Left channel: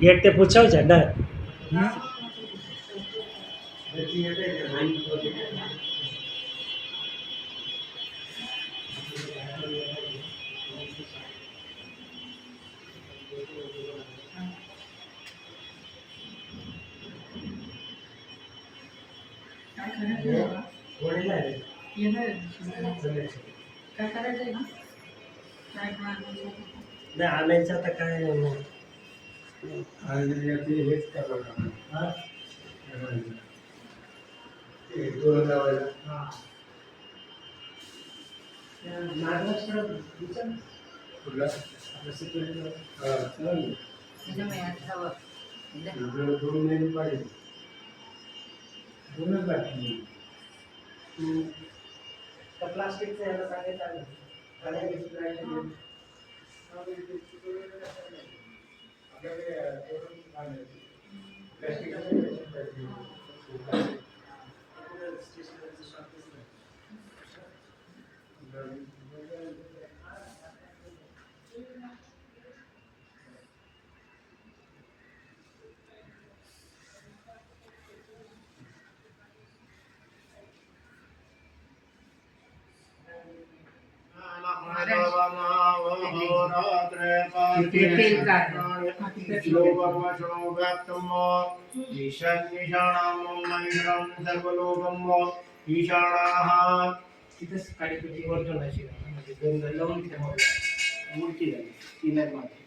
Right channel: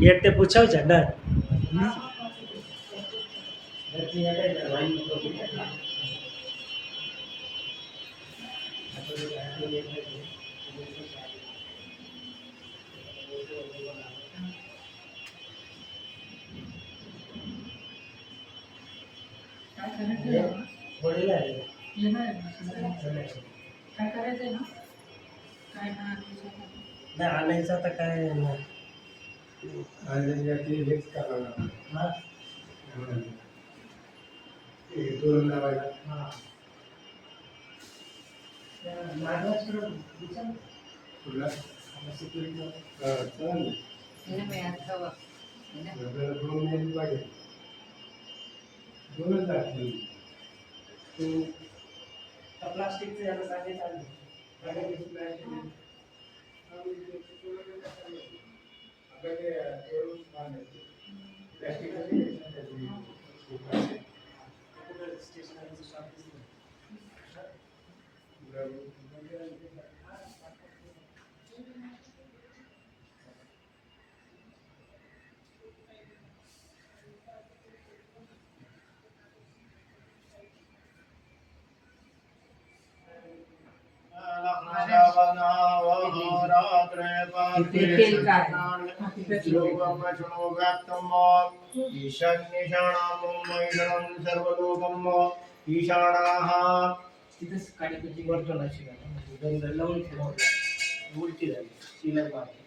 Gate ते पूछाओ झंडा काय करायचंय ना काय नाही आणायचं आता काय नाही हेच करावं दोन लावायला महाराष्ट्र कुठला सिक्युरिटी दोन महिने पाहिजे दोनच लागतील प्लास्टिकचं याला सांगायचं ईशाणाः तिथेच काडीपेटी वर्तनाची म्हणजे गंध लावून ठेवा उलटी झाली तिला मागे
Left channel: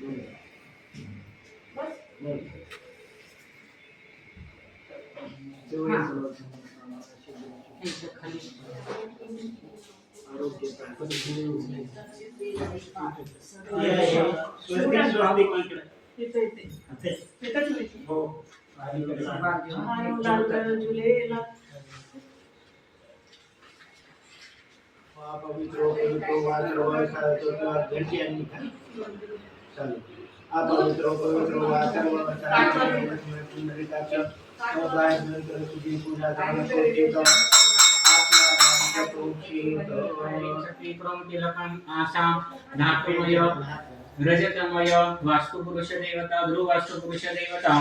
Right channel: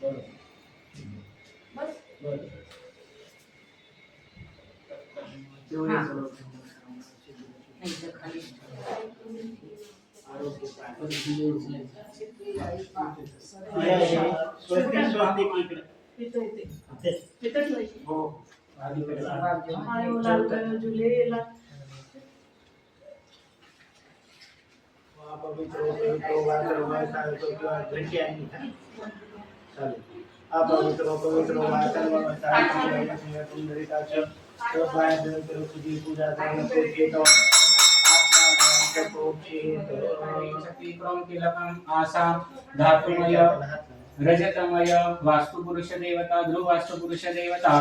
बरोबर बरोबर खाली आरोग्य हो पवित्र घंटी आणली का चालेल अपवित्र पवित्र तुझी पूजा आसाम धातुमय रजतमय वास्तुपुरुष देवता ध्रुव वास्तुपुरुष देवता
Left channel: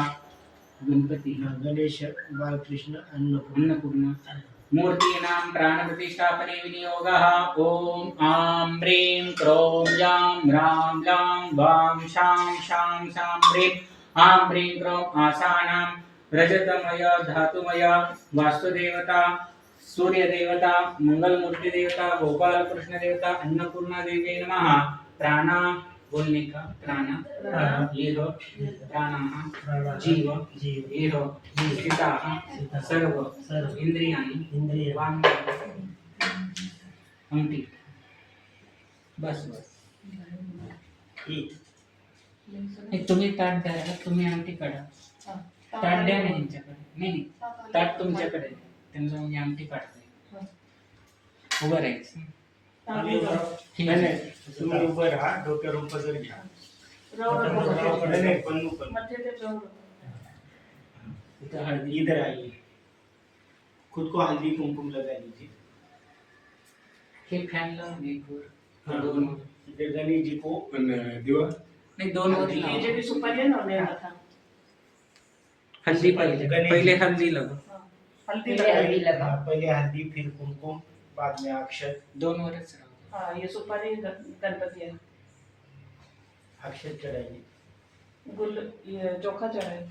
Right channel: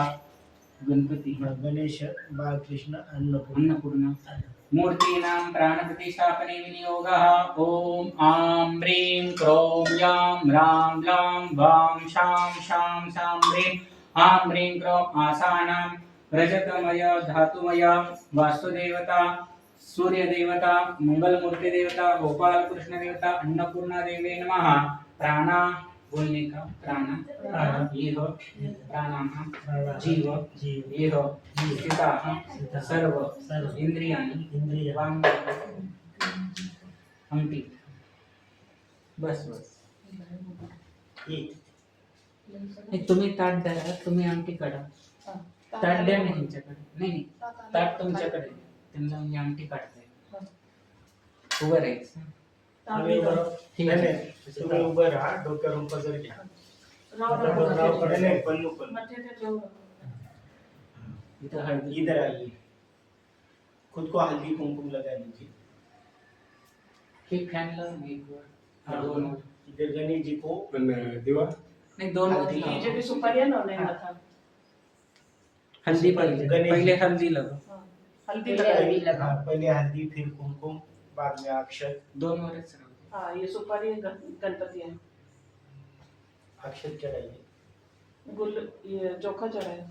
गणपती गणेश बालकृष्ण अन्नपूर्णा मूर्तीनां प्राणप्रतिष्ठापने विनियोगः ओम आं ह्रीं क्रों यां रां लां वां शां शां सां ह्रीं आं ह्रीं क्रों आसानां रजतमय धातुमय वास्तुदेवता सूर्य देवता मंगल मूर्ति देवता गोपाल कृष्ण देवता अन्नपूर्णा देवी नमः प्राणा बोलने का प्राणा ये हो प्राणा जीव ये हो चिता सर्व इंद्रिय वांग अंगठी बस एक तुम्ही ताट द्या तुम्ही अंगठी काढा ताट द्या नाही यांच्याकडे नाही ताट तुमच्याकडे त्यांना म्हणजे अंगठी काढते उभं राहायचं ठीक आहे तुम्ही उभं राहा डोक्यावर पदर घ्या पल्लू इधर हल्दी इधर आइए खुद को हल्दी कुमकुम लगा लीजिए हे फॅन लावून एक वर दोन वर इधर गणेश जी को दिवा नाही दोन वर हल्दी लावा. भी सुपारी ना था हल्दी पहिले हल्दी लगा हल्दी हल्दी लगा लगा। पहले हल्दी फिर कुमकुम बाद में अक्षत दोन वरच राहू हाँ ये सुपारी गणपति है अक्षत चढ़ाइए गुल ये चोखा चढ़ाए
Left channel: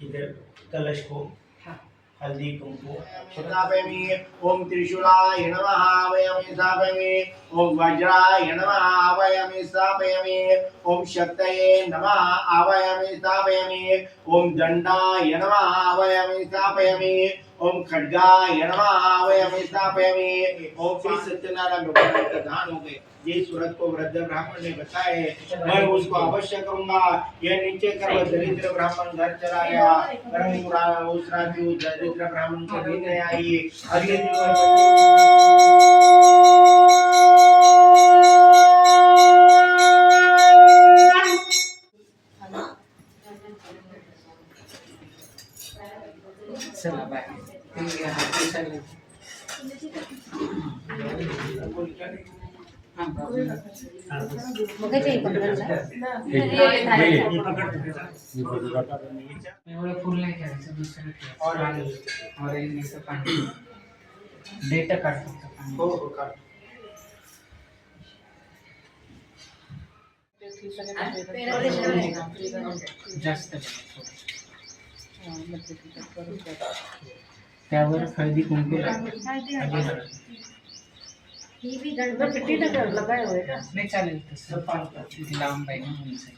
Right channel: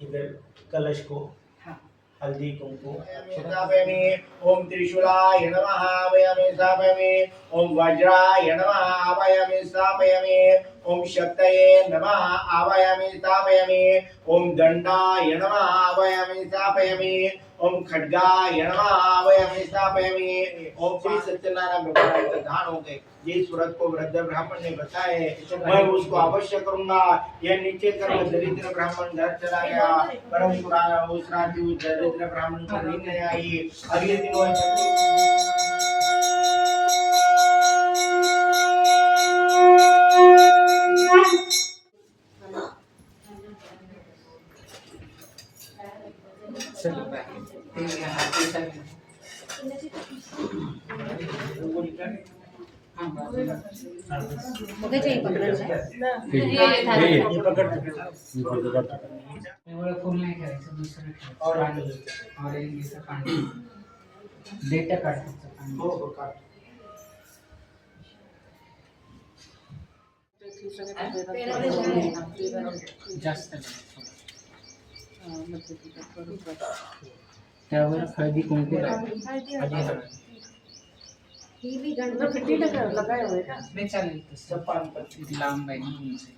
इधर कलश को हाँ हल्दी कुमकुम स्थापयामि ओम त्रिशूलाय नमः आवाहयामि स्थापयामि ओम वज्राय नमः आवाहयामि स्थापयामि ओम शक्तये नमः आवाहयामि स्थापयामि ओम दंडाय नमः आवाहयामि स्थापयामि ओम खड्गाय नमः आवाहयामि स्थापयामि ओम श्री सत्यनारायण भगवान का दान हो गए जिस सूरत को वृद्ध ब्राह्मण ने बताए मैं उसको अवश्य करूंगा। यह नीचे कर दरिद्र ब्राह्मण घर चला गया परम उस राजू दरिद्र ब्राह्मण को नींद नहीं आई और ये चला बाय ते हाती चालले हां एवढं फुल नाही करायचं, दुसरं ठेवायचं. ऑरेंज पाणी डेट काढतो पाणी. हो हो काढ. जास्त त्यावर हळदी कुंकू लावायचं. लगाया हुआ है का? नाही चालेल तसं लांब आहे ना उंच आहे.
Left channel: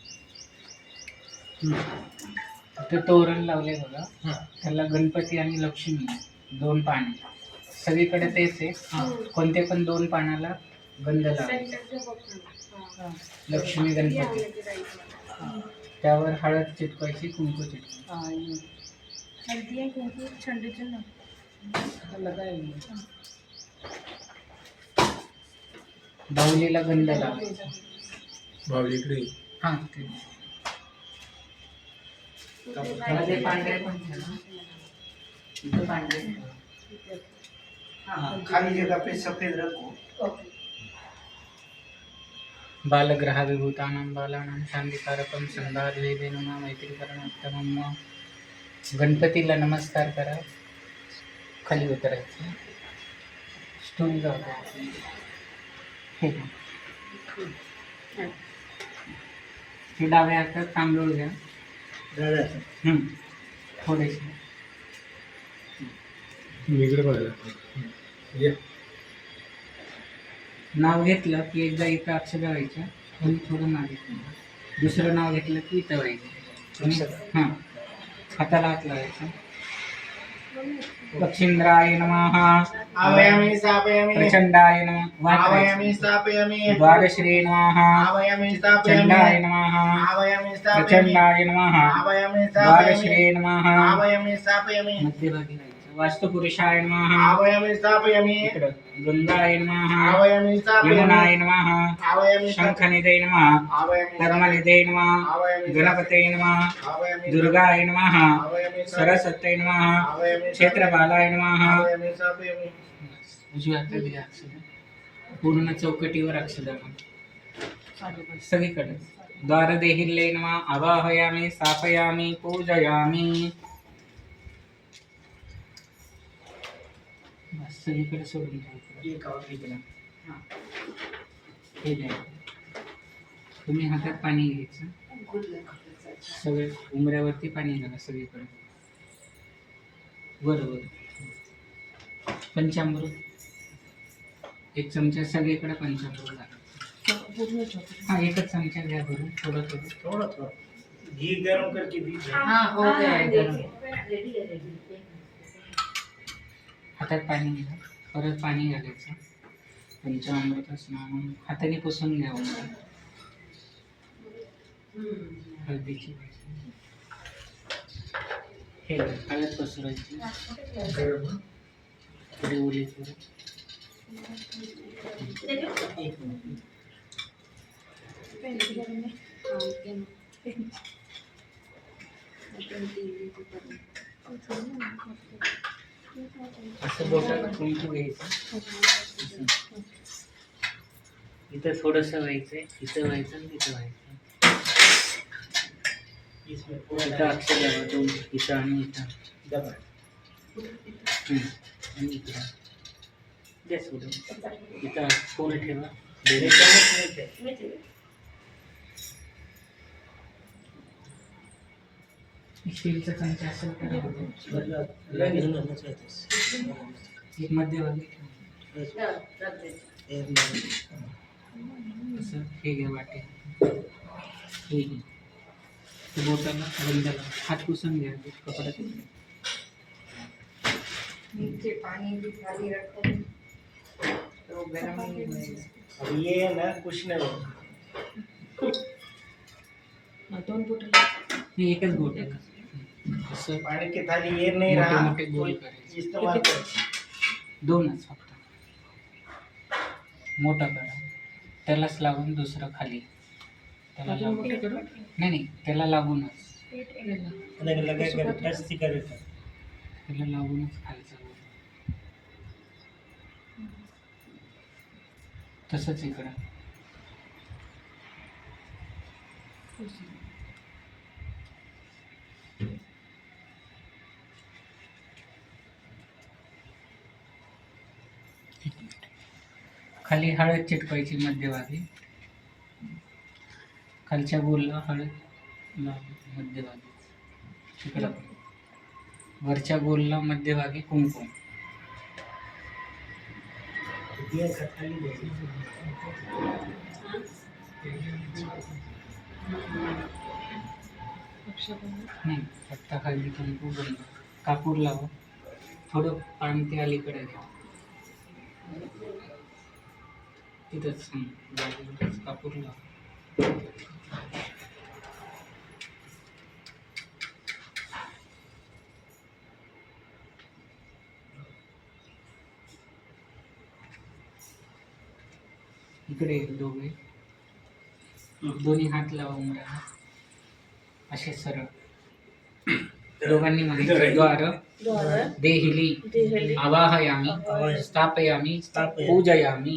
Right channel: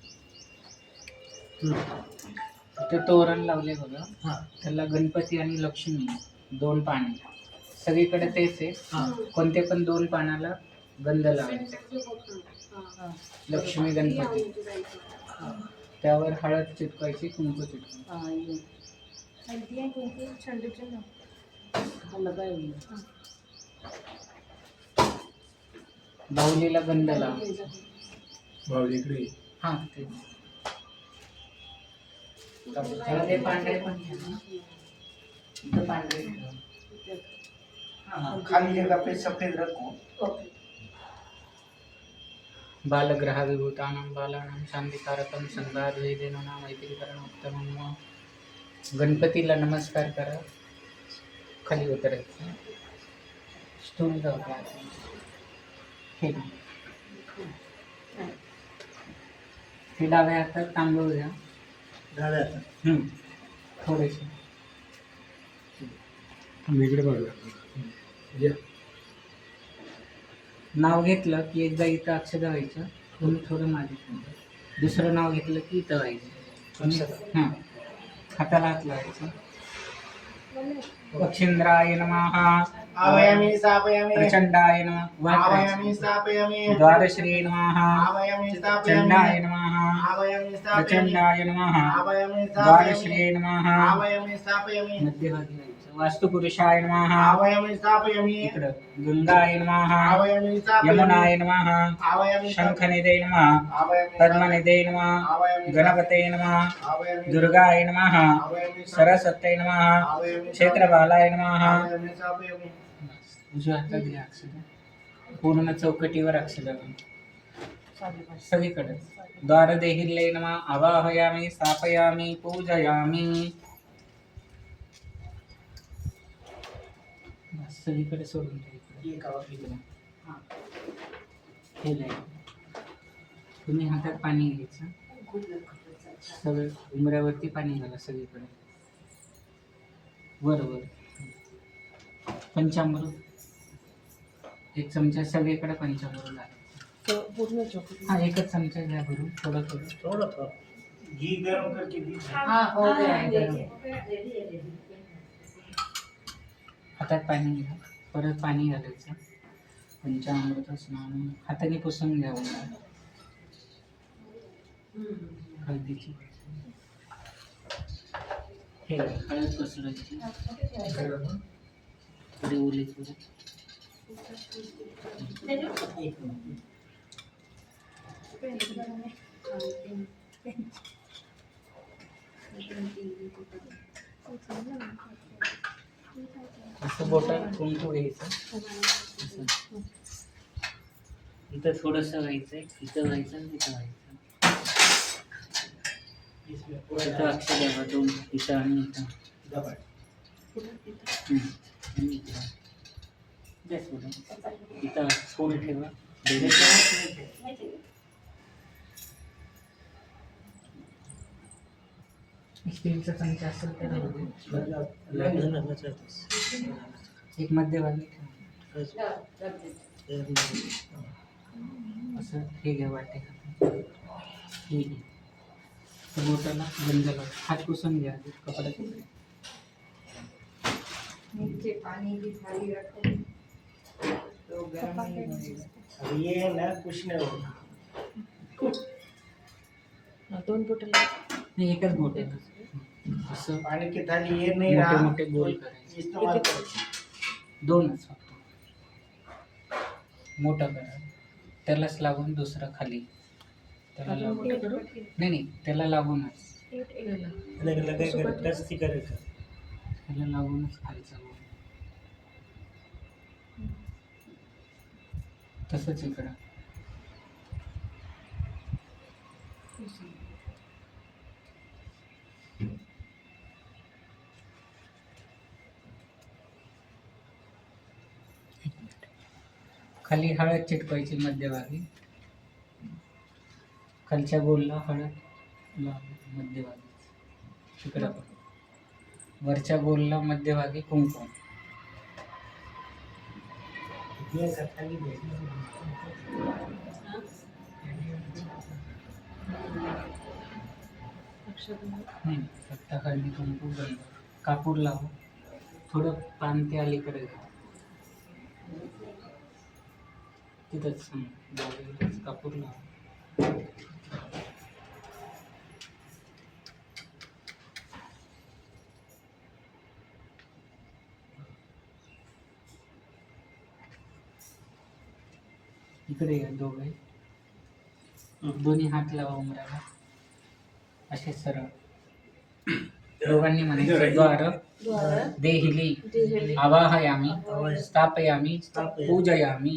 ते तोरण लावले बघा, त्याला गणपती आणि लक्ष्मी 2 पाने, सगळीकडे तेच आहे. कोणते पण 2 पानाला गंध लावायचा. लक्ष्मी गणपती त्यावर हळद चिटकवायची, कुंकू चिटकवायची. लगाया हुआ है. बाहुलीला गंध लावायचा. बाहुली इकडे ये. हा ते मध्ये पांढरे पण ठेवा. इथे पांढरे ठेवा. हाँ, खाली जगह पे सफेद रखो. बालग्रह विभूतानां बालानां शांतिकारकं संधाद्वैदेनुना मैत्रीकरणोत्तमं. गणपतीला नमस्कार करा. खाली उतरायचं. स्टूल जाऊ द्या. हे डाव्या हातात तांदूळ घ्या. थोडेसे मी इकडे बघा. या. नाव घेतलं की एकदा इथं अक्षर व्हायचं, तुम्ही थोडं मागे. दुसरं नाव घेतलं की इथं व्हायचं. हां हाताला हात लावायचा. पक्षींद्राय नमः. आवायामी स्थापयामी. प्रचंडाय नमः. आवायामी स्थापयामी. द्वारश्री नमः. आवायामी स्थापयामी. चंडाय नमः. आवायामी स्थापयामी. प्रचंडाय नमः. आवायामी स्थापयामी. द्वारश्री नमः. आवायामी स्थापयामी. मध्यभागी व्हायचं. वास्तुपुरुषाय नमः. आवायामी स्थापयामी. इकडं गंगाय नमः. आवायामी स्थापयामी. यमुनाय नमः. आवायामी शंखनिधे नमः. आवायामी. पद्मनिधे नमः. आवायामी. गणपते नमः. आवायामी. दुर्गाय नमः. आवायामी. सरस्वत्यै नमः. आवायामी. क्षेत्रपालाय नमः. आवायामी स्थापयामी. उजव्या हातात घ्या अक्षर. पूर्ण चौकटीवर अक्षर सगळीकडे. द्वारदेहिल्ये नमः. आवाहयामि स्थापयामि पूजयामि. बस सगळीकडे सोडून द्या. हां हे द्या. तुम्ही हातात पाणी घ्यायचं. सगळे उमऱ्यावरती पाणी घाला सगळीकडे. वर पंचामृत 1 चमचा सगळीकडे पंचामृत घाला. हाँ 1 चमचा घ्या भरून. थोडं थोड़ा घी गर्म करके दीजिए. हाँ हो गया. हातात पाणी घ्या. परत पाणी घालायचं. पंचामृत स्नान हाताने पुसून घ्या. हळदीची हे हळद पसरायची. थोडी ओली करू. असं बोटाला कुंकू घ्यायचं. इथं थोडंसं व्हायचंय, इथं व्हायचं आणि तिथं व्हायचं. इथं अक्षर द्यावा 2. इथं आणि इथं. आणि इथं द्या सोडून. इथं फूल ठेवा. स्टीलचा चमचा असेल तर 1 मध्यभागी ठेवा. असं हे घ्या वाटे. हे घे. बोटाला गंध लावा. हात पुसून घ्या कपड्यात. नीचे पानी भी खाली रखो तो गर्म नहीं होएगा. अब ये ना कुछ नहीं होगा. 2 बोटल. नाही 1च बोट आहे. असं पानी की थाली ये नहीं मोठे रहा. मोठे गोल करायचे. इस्तेमाल करो. 2च फक्त. मोठा करा. त्यालाच लागून दुसरं खाली. त्याला लागून नाही त्याला लागूनच. त्याला लागूनच खायचं. तसंच इकडं खाली हळद चिटकवायची मध्यभागी, खालच्या गोलला हळद लावायची मध्यभागी, तिकडं वरच्या गोलला मध्यभागी कुंकुम. नाही, आता हळदी कुंकू बंद. कापूर लावा, थोडं पान ते अलीकडे घ्या, तिथंच बाजूलाच कापूर लावा. इकडे या दोघे, दोन्ही हात लावा उमराला, असे सरळ. दोघांनी म्हणायचे द्वार देहिली आवाहयामी स्थापयामी पूजयामी.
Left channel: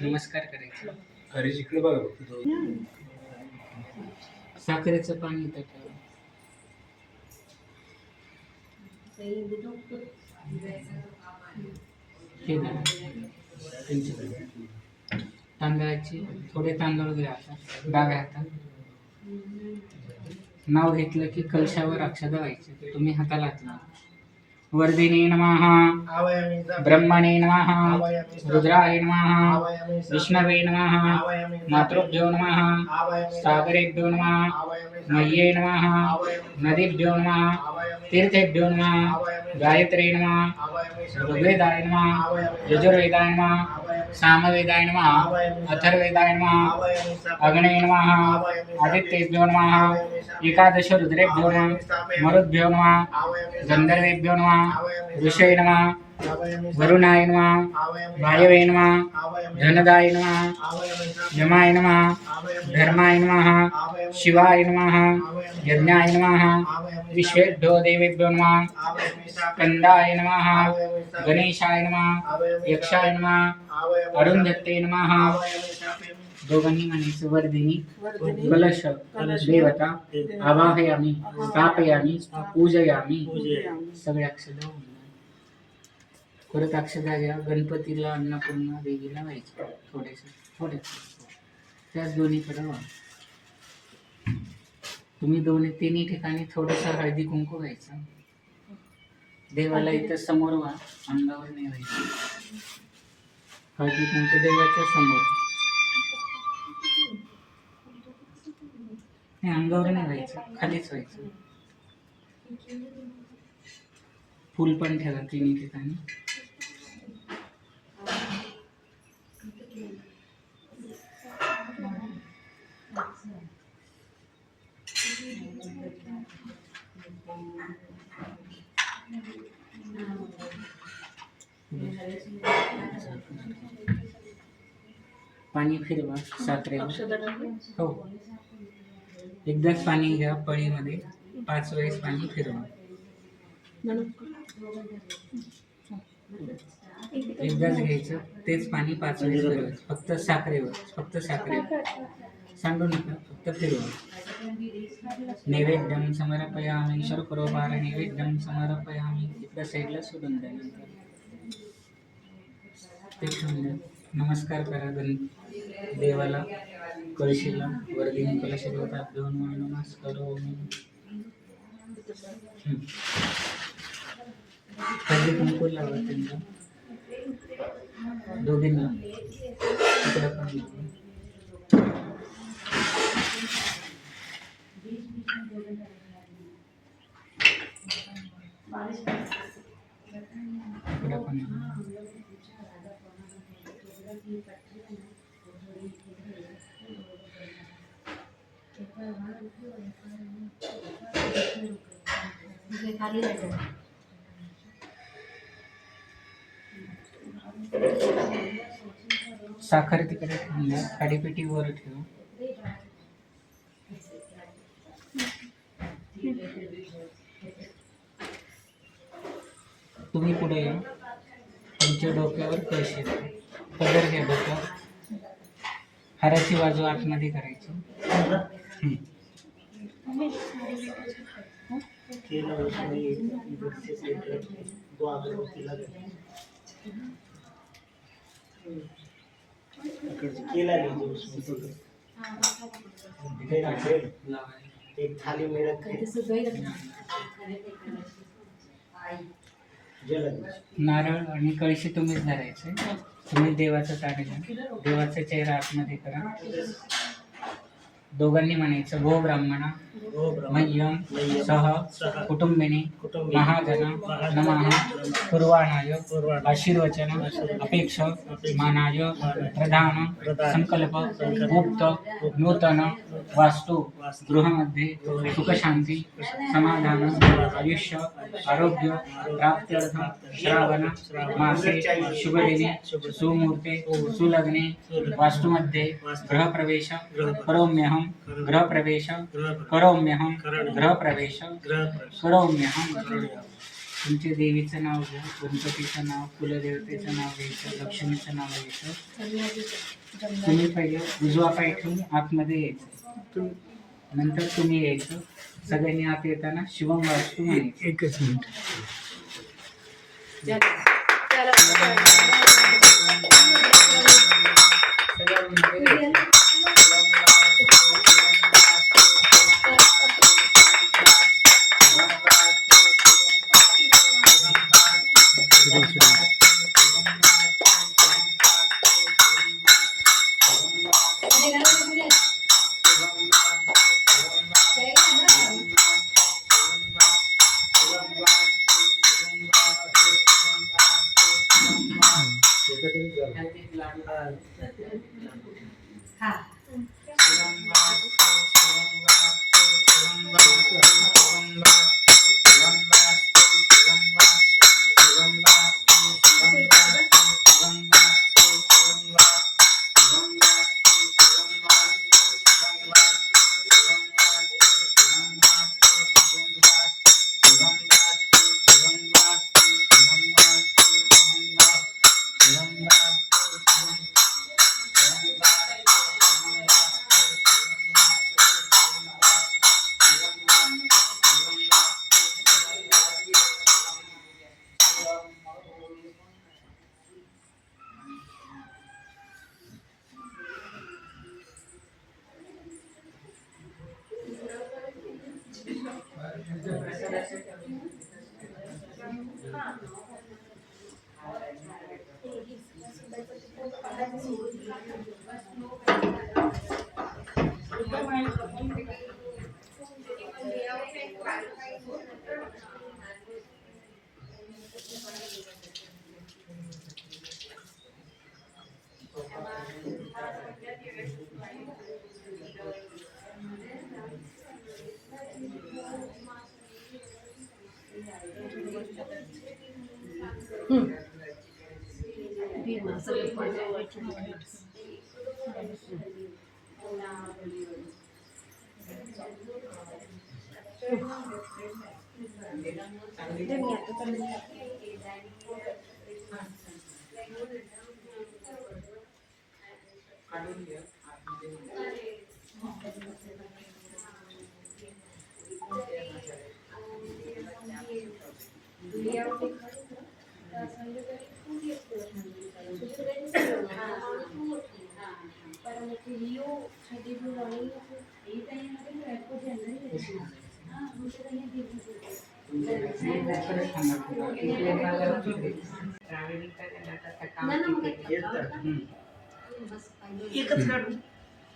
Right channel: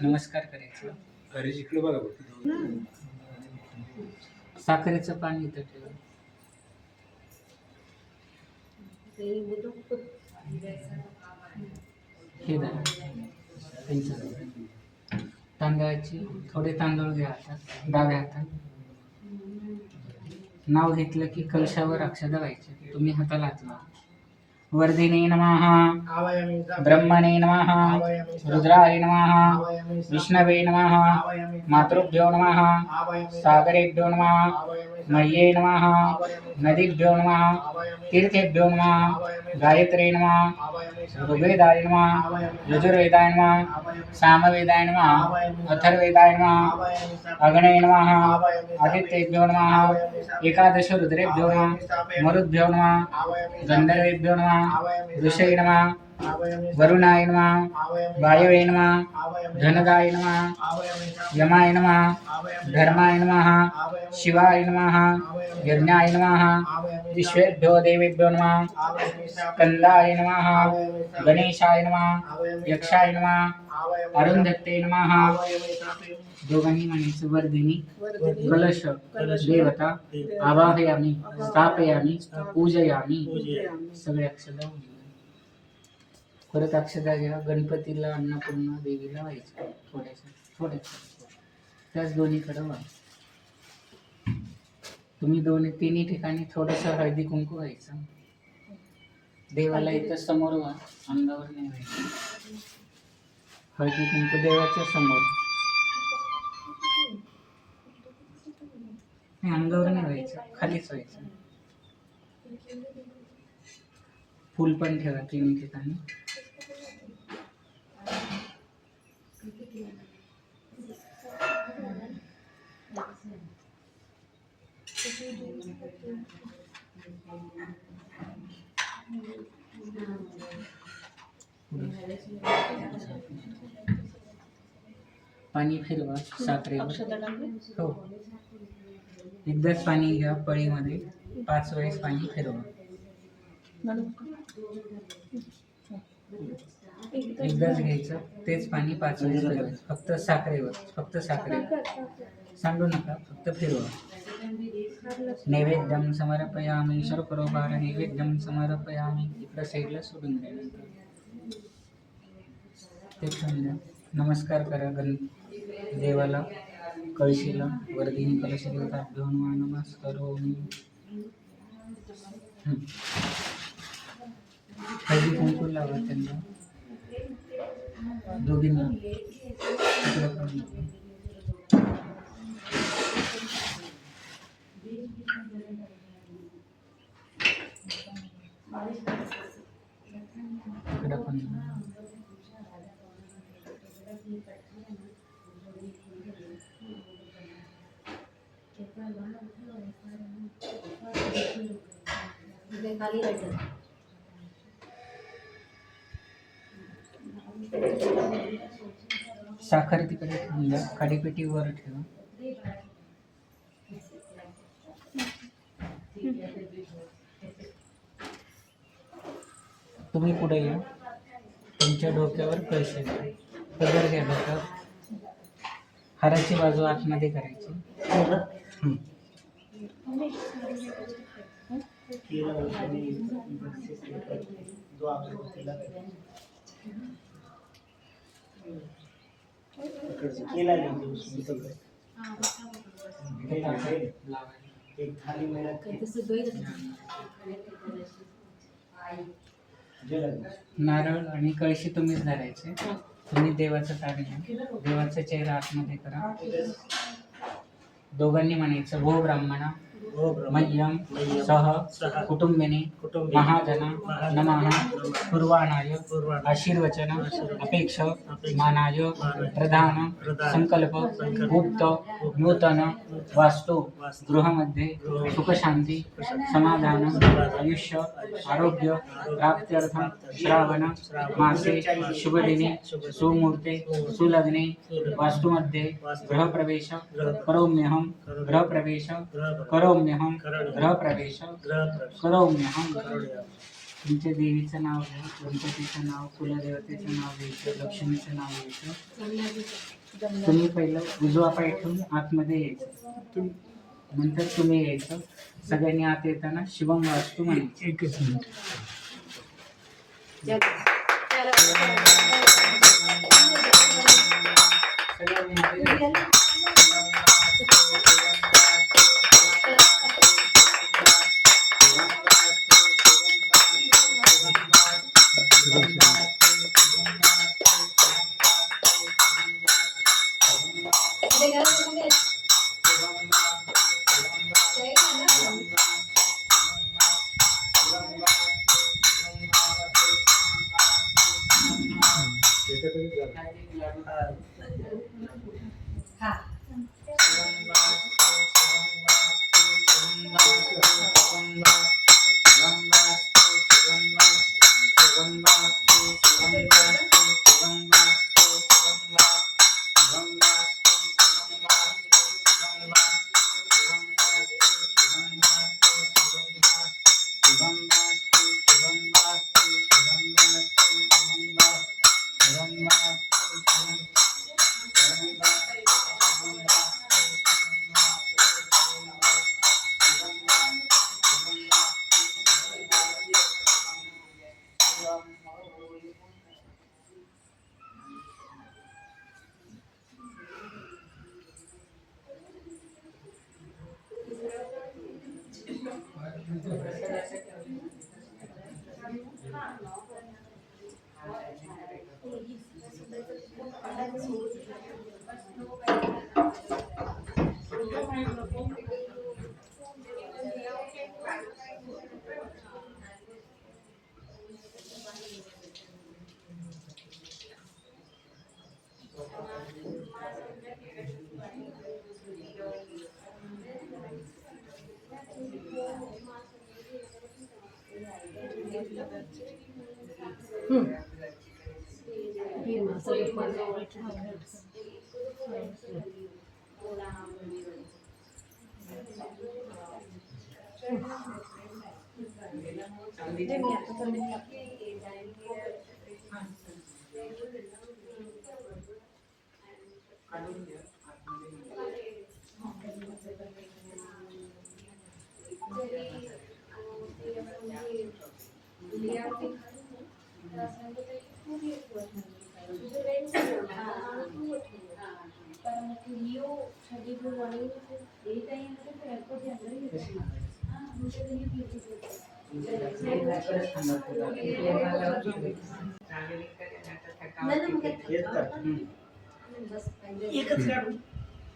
नमस्कार करायचा. हरीश इकडे बघा फक्त. साखरेचं पाणी इथं ठेवा. हे धरा. त्यांच्याकडे तांदळाची थोडे तांदूळ घ्या हातात, डाव्या हातात. नाव घेतलं की कलशावर अक्षता व्हायची. तुम्ही हाताला हात लावा. वर्धिने नमः, आवायामी ब्रह्मणे नमः, आवायामी रुद्राय नमः, आवायामी विष्णवे नमः, आवायामी मातृभ्यो नमः, आवायामी सागरेभ्यो नमः, आवायामी मह्ये नमः, आवायामी नदीभ्यो नमः, आवायामी तीर्थेभ्यो नमः, आवायामी गायत्रे नमः, आवायामी ऋग्वेदाय नमः, आवायामी यजुर्वेदाय नमः, आवायामी सामवेदाय नमः, आवायामी अथर्ववेदाय नमः, आवायामी अग्ने नमः, आवायामी आदित्येभ्यो नमः, एकादश रुद्रेभ्यो नमः, मरुद्भ्यो नमः, आवायामी गंधर्वेभ्यो नमः, आवायामी ऋषये नमः, आवायामी वरुणाय नमः, आवायामी वायवे नमः, आवायामी धनदाय नमः, आवायामी यमाय नमः, आवायामी धर्माय नमः, आवायामी शिवाय नमः, आवायामी यज्ञाय नमः, आवायामी विश्वेभ्यो देवेभ्यो नमः, आवायामी स्कंदाय नमः, आवायामी गणेशाय नमः, आवायामी यक्षाय नमः, आवायामी अरुंधत्ते नमः. आवायामी दोघांनी म्हणायचं वर्धिनी वर्धिनी कलश कलश देवता आवाहयामी स्थापयामी पूजयामी. पूजयामी. सगळ्या अक्षदा परत अक्षदा घ्या. गणपतीला अन्नपूर्णा देवीला व्हायचं थोड्याशा त्याच दोन्हीकडे व्हा. तुम्ही तिन्ही ठिकाणी थोडंसं हळदी कुंकू व्हायचं. देवाला इथं समोर व्हा, अंगावर नाही व्हायचं. हळदी कुंकू देवाच्या समोर, अंगावर नाही व्हायचं, खालीच व्हायचं. फुल पण ठेवा तिन्ही ठिकाणी. पाणी फिरवा साखरेवर. अक्षता टाकली. हो, एकदाच पाणी घ्या पळीमध्ये, 5 वेळेस पाणी फिरवा. एकदाच घ्यायचं, तेच पाणी 5 वेळेस फिरवायचं. फक्त साखरेवर सांडू नका, फक्त फिरवा. नैवेद्यम समर्पयामी, शर्करोपार नैवेद्यम समर्पयामी. इकडं साईडला सोडून द्या. ते ठेवून द्या. नमस्कार करा देवाला, कळशीला. वर्धिनी कलश देवताभ्यो नमस्कारोमी. हळदी कुंकू लावा त्यांना दोघींना. इकडे पण लावा. इकडे पण लावा. साखर तिकडे ठेवून द्या. खाडीपेटी वर ठेवा. तुम्ही पुढे या. तुमच्या डोक्यावर कळशी द्या. पदर घ्या डोक्यावर. हाराची बाजू आतमध्ये करायची. केला उसमें इधर से लेकर दो अगरबत्ती लगा केला लीजिए उसमें से एक थाली में रख के जला दीजिए. नारळ आणि कळशी तुम्हीच धरायचे. तुम्ही देवाचं कार्य घ्या. देवाचा चेहरा आतमध्ये करा. दोघांनी म्हणायचं भो ब्राह्मणा मह्यम सह कुटुंबिनी महाजन नमः पूर्वाणाय आशीर्वचन अपेक्ष मानाय प्रधान संकल्प गुप्त नूतन वास्तु गृहामध्ये सुखशांती समाधान आयुष्य आरोग्य प्राप्त्यर्थम श्रावण मासे शुभदिने सुमुहूर्ते सुलग्ने वास्तुमध्ये गृहप्रवेश करोम्यहम गृहप्रवेश करोम्यहम गृहप्रवेश करोम्यहम. तुमच्या देवीचं नाव घ्या, गणपतीचं नाव, कुलदेवतेचं नाव घ्यायचं, लक्ष्मीचं नाव घ्यायचं. तुम्ही पहिलं उजवा पाय ठेवून आतमध्ये यायचं, नंतर तुम्ही यायचं. सगळ्यांनी आत येताना शिवम वास्तू म्हणायचं. एकच मिनिट.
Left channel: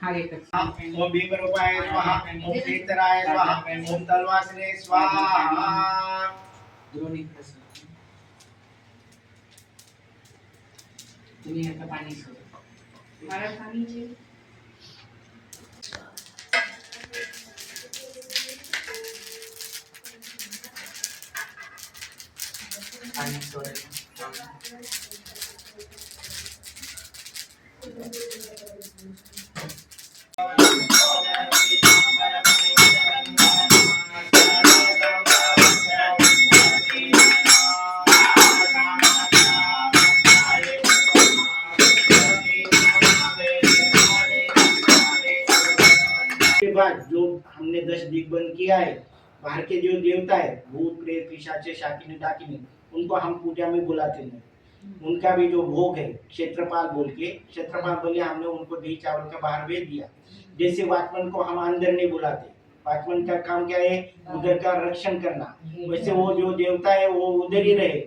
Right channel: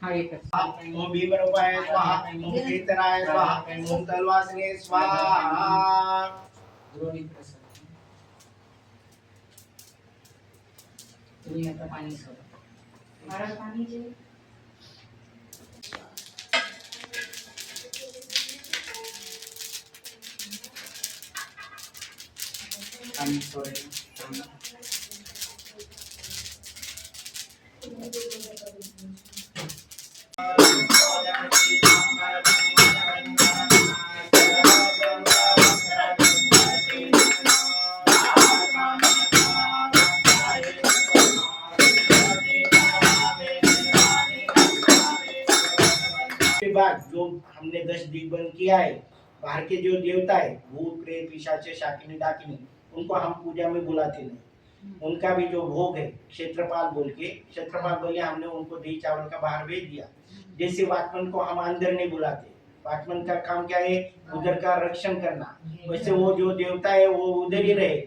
हा एकच. ओम भीमरूपाय स्वाहा, ओम कीर्तनाय स्वाहा, ओम तलवासने स्वाहा. द्रोणी प्रसन्न. तुम्ही आता पाणी सोडा. पाणी सोडायचं. बाद जो हमने 10 दिग बंद किया है। बाहर के जो देवता है भूत प्रेत पिशाच शाकिनी डाकिनी उनको हम पूजा में बुलाते नहीं। उनका भी जो भोग है क्षेत्रपाल बोले हमने उनको दही चावल का बाहर भेज दिया। जैसे वॉचमैन को हम अंदर नहीं बुलाते, वॉचमैन का काम क्या है उधर का रक्षण करना, वैसे वो जो देवता है वो उधर ही रहे,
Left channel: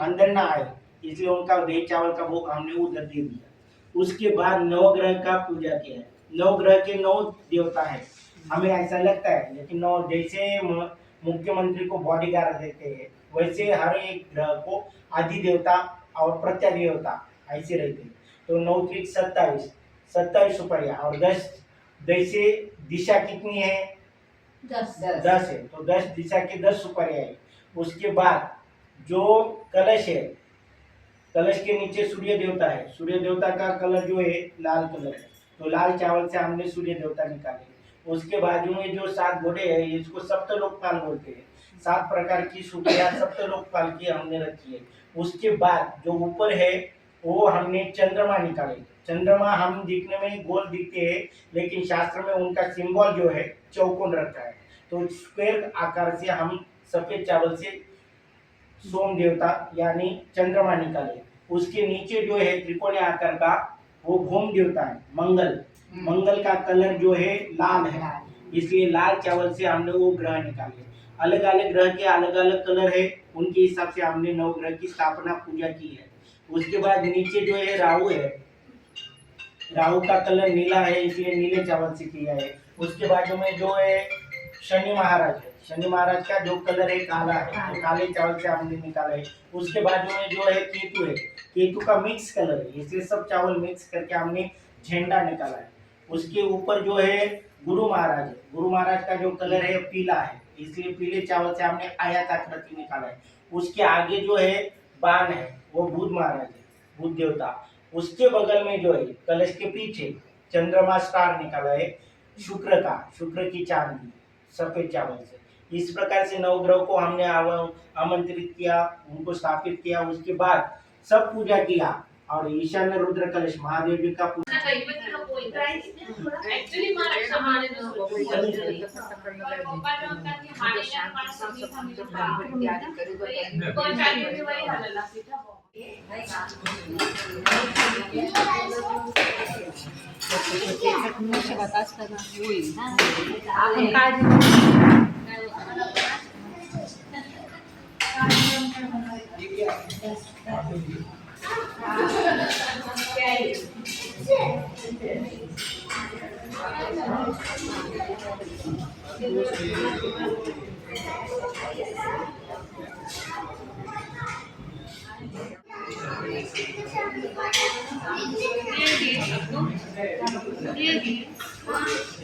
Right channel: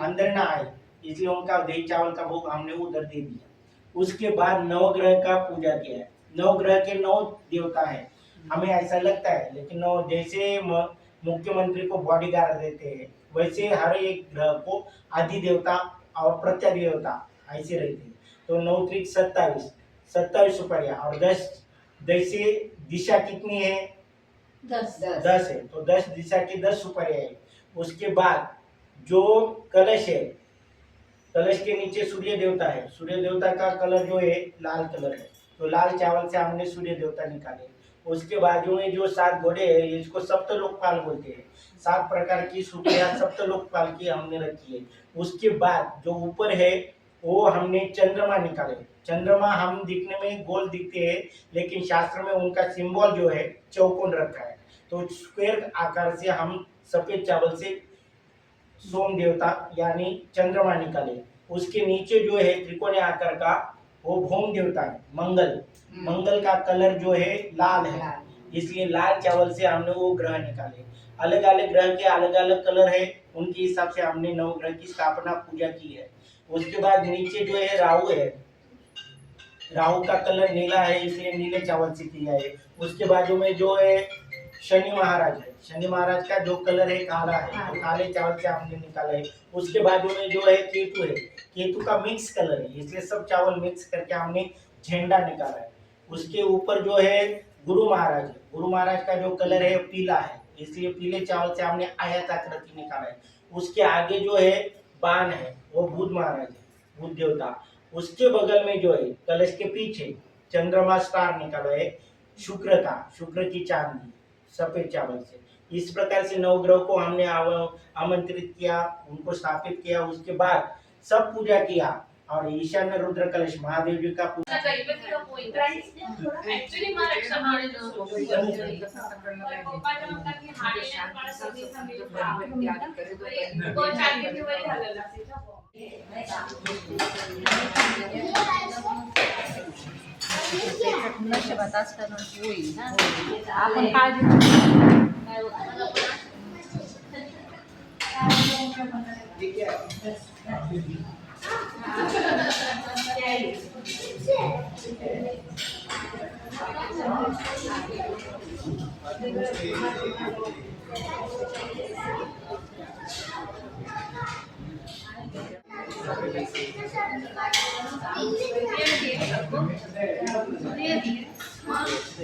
अंदर ना आए, इसलिए उनका दही चावल का भोग हमने उधर दे दिया। उसके बाद नवग्रह का पूजा किया है। नवग्रह के 9 देवता है, हमें ऐसा लगता है, लेकिन 9 जैसे मुख्यमंत्री को बॉडीगार्ड देते हैं वैसे हर एक ग्रह को अधिदेवता और प्रत्यादेवता ऐसे रहते हैं। तो 9 त्रिक 27 सुपरिया और 10 जैसे दिशा कितनी है 10 है, तो 10 दिशा के 10 सुपरिया है। उसके बाद जो कलश है, कलश के नीचे सूर्य देवता है, सूर्य देवता का कलर जो है लाल कलर है, तो लाल चावल से हमने सूर्य देवता निकाले। उसके बाजू में जो 7 घोड़े है इसको सप्तलोकपाल बोलते हैं, 7 प्रकार की सूर्या सप्तलोकपाल की हमने रखी है। उसके बाद जो ऊपर है वो हमने चंद्रमा निकाले। चंद्रमा हम दिखने में गोल दिखते हैं, लेकिन शास्त्र में उनका सिंबल जो है चौकोन रखा है, तो स्क्वायर आकार से हम सफेद चावल से सोम देवता यानी चंद्रमा निकाले। उसके नीचे जो है त्रिकोणीय आकार का वो भौम देवता है मंगल का कलर जो है लाल है, इसलिए लाल चावल से हमने वो ग्रह निकाले। अलग अलग ग्रह के अलग अलग कलर है, उनके हिसाब से हमने नवग्रह की स्थापना पूजा की है। उसके बाद नीचे जो है राहु है, राहु का कलर नीला है इसलिए नीले चावल से किया है। उसके बाजू में जो है शनि महाराज है, शनि महाराज का जो कलर है काला है, तो काले चावल से हमने निकाला है। उसके बाजू में जो है केतु है, केतु का मिक्स कलर है इसलिए सब चावल मिक्स करके हमने झंडा निकाला है। उसके ऊपर जो है गुरु महाराज है, गुरु महाराज का जो कलर है पीला है इसलिए पीले चावल से हमने आयताकृति निकाला है। उसके आगे जो है बाण है वो बुध महाराज है, बुध देवता। उसके बगल में जो है कलश के पीछे चंद्रमा स्टार निकाला है, शुक्र की चांदी सफेद चावल से। इस प्रकार से नवग्रह को हमने आमंत्रित किया, उनको स्थापित किया। उसके बाद सब पूजा किया और ईशान्य रुद्र कलश महादेव जी का पूजा। ऍक्च्युली मला क्षमाने नशिबात असतं ना होईल आपण काळजी हाँ